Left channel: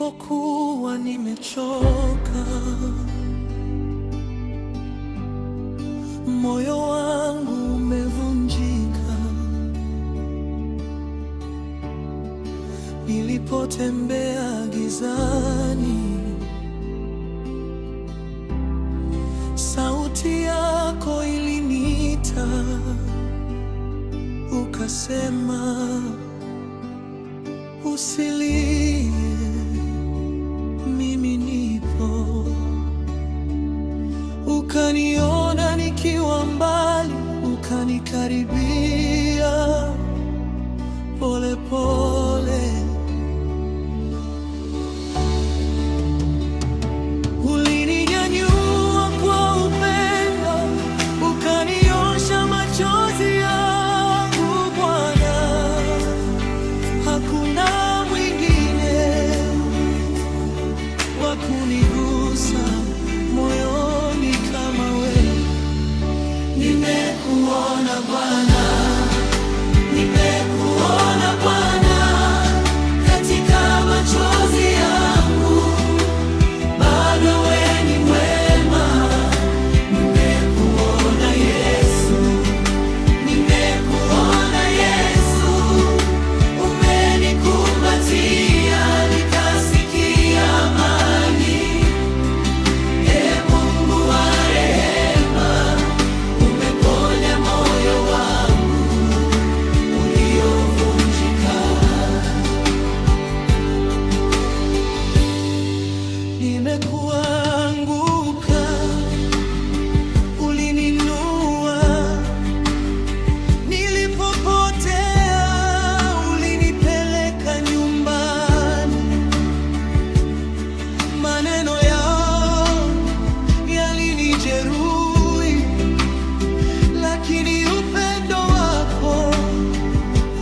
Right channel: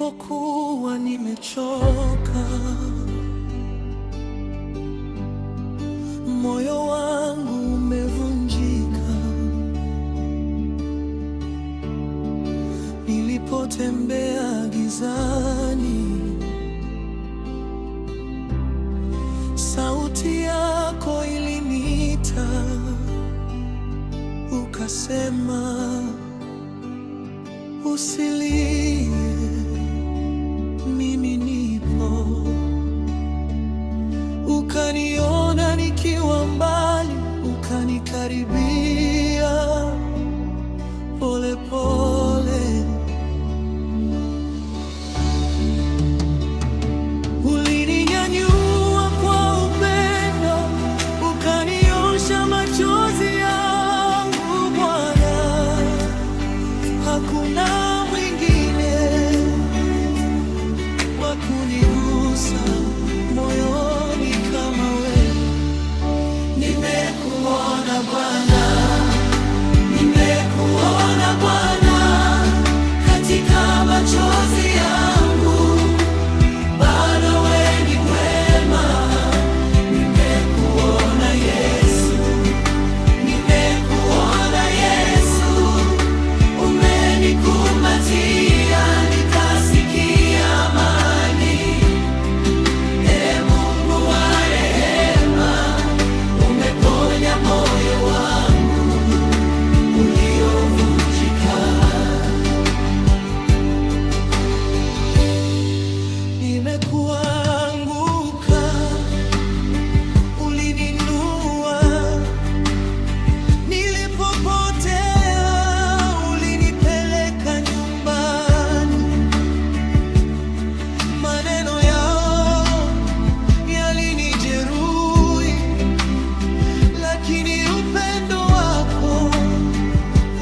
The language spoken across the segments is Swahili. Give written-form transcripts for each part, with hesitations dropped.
Nilipokuwa nimechoka, moyo wangu umevunjika, nilipotembea gizani, sauti yako iliniita, ukasema, usilie, mimi nipo. Ukaniona nikiwa mbali, ukanikaribia pole pole. Ulininyanyua kwa upendo, ukaniosha machozi yangu Bwana. Hakuna mwingine wa kunigusa moyoni kama wewe. Nimekuona Bwana, nimekuona Bwana, katika machozi yangu bado wewe ni mwema. Nimekuona Yesu, nimekuona Yesu, umenikumbatia nikasikia amani. Ee Mungu wa rehema, umeponya moyo wangu uliovunjika. Nimekuanguka, ulininua, nilipopotea ulinipeleka nyumbani. Maneno yao yalinijeruhi, lakini upendo wako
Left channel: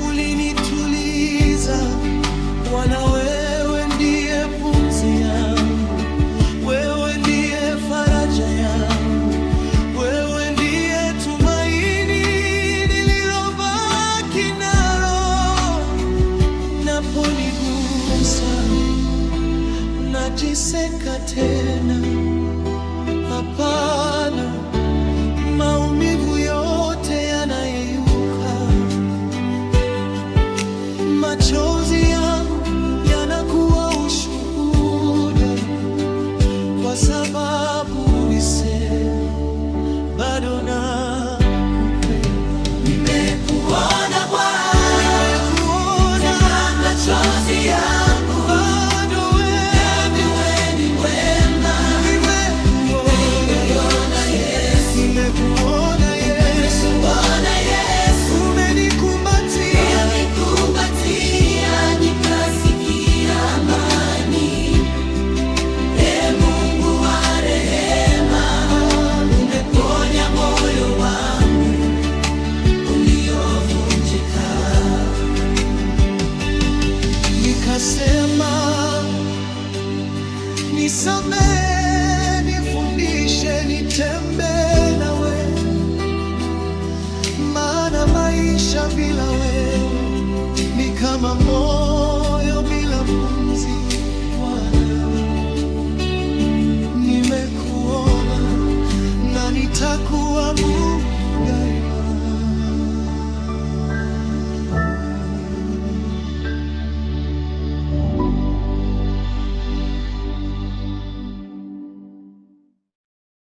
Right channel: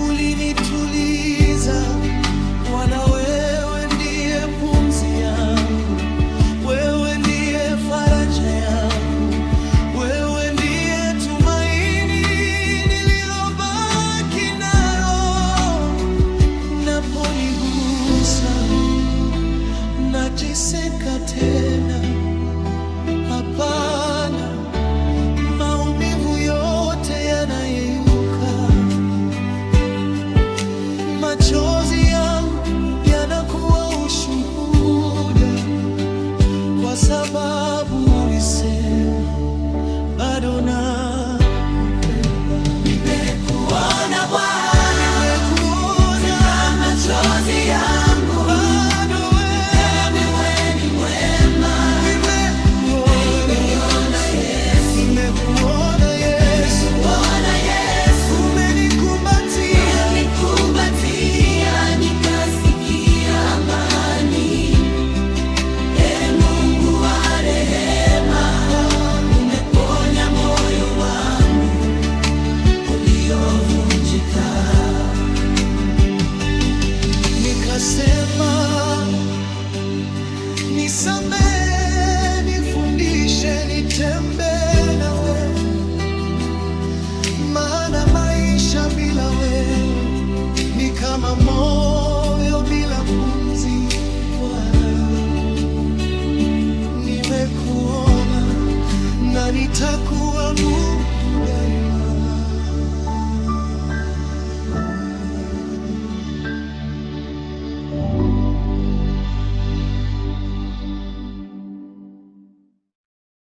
ulinituliza. Bwana, wewe ndiye pumzi yangu, wewe ndiye faraja yangu, wewe ndiye tumaini nililobaki nalo. Naponigusa najiseka tena, hapana, maumivu yote yanayeyuka. Machozi yangu yanakuwa ushuhuda, kwa sababu ulisema bado nakupenda. Nimekuona Bwana, nimekuona katika machozi yangu, bado wewe ni mwema. Nimekuona Yesu, nimekuona Yesu, umenikumbatia nikasikia amani. Ee Mungu wa rehema, umeponya moyo wangu uliovunjika. Nikasema, nisamehe, nifundishe nitembee nawe, maana maisha bila wewe ni kama moyo bila pumzi. Bwana, nimekuona na nitakuabudu daima.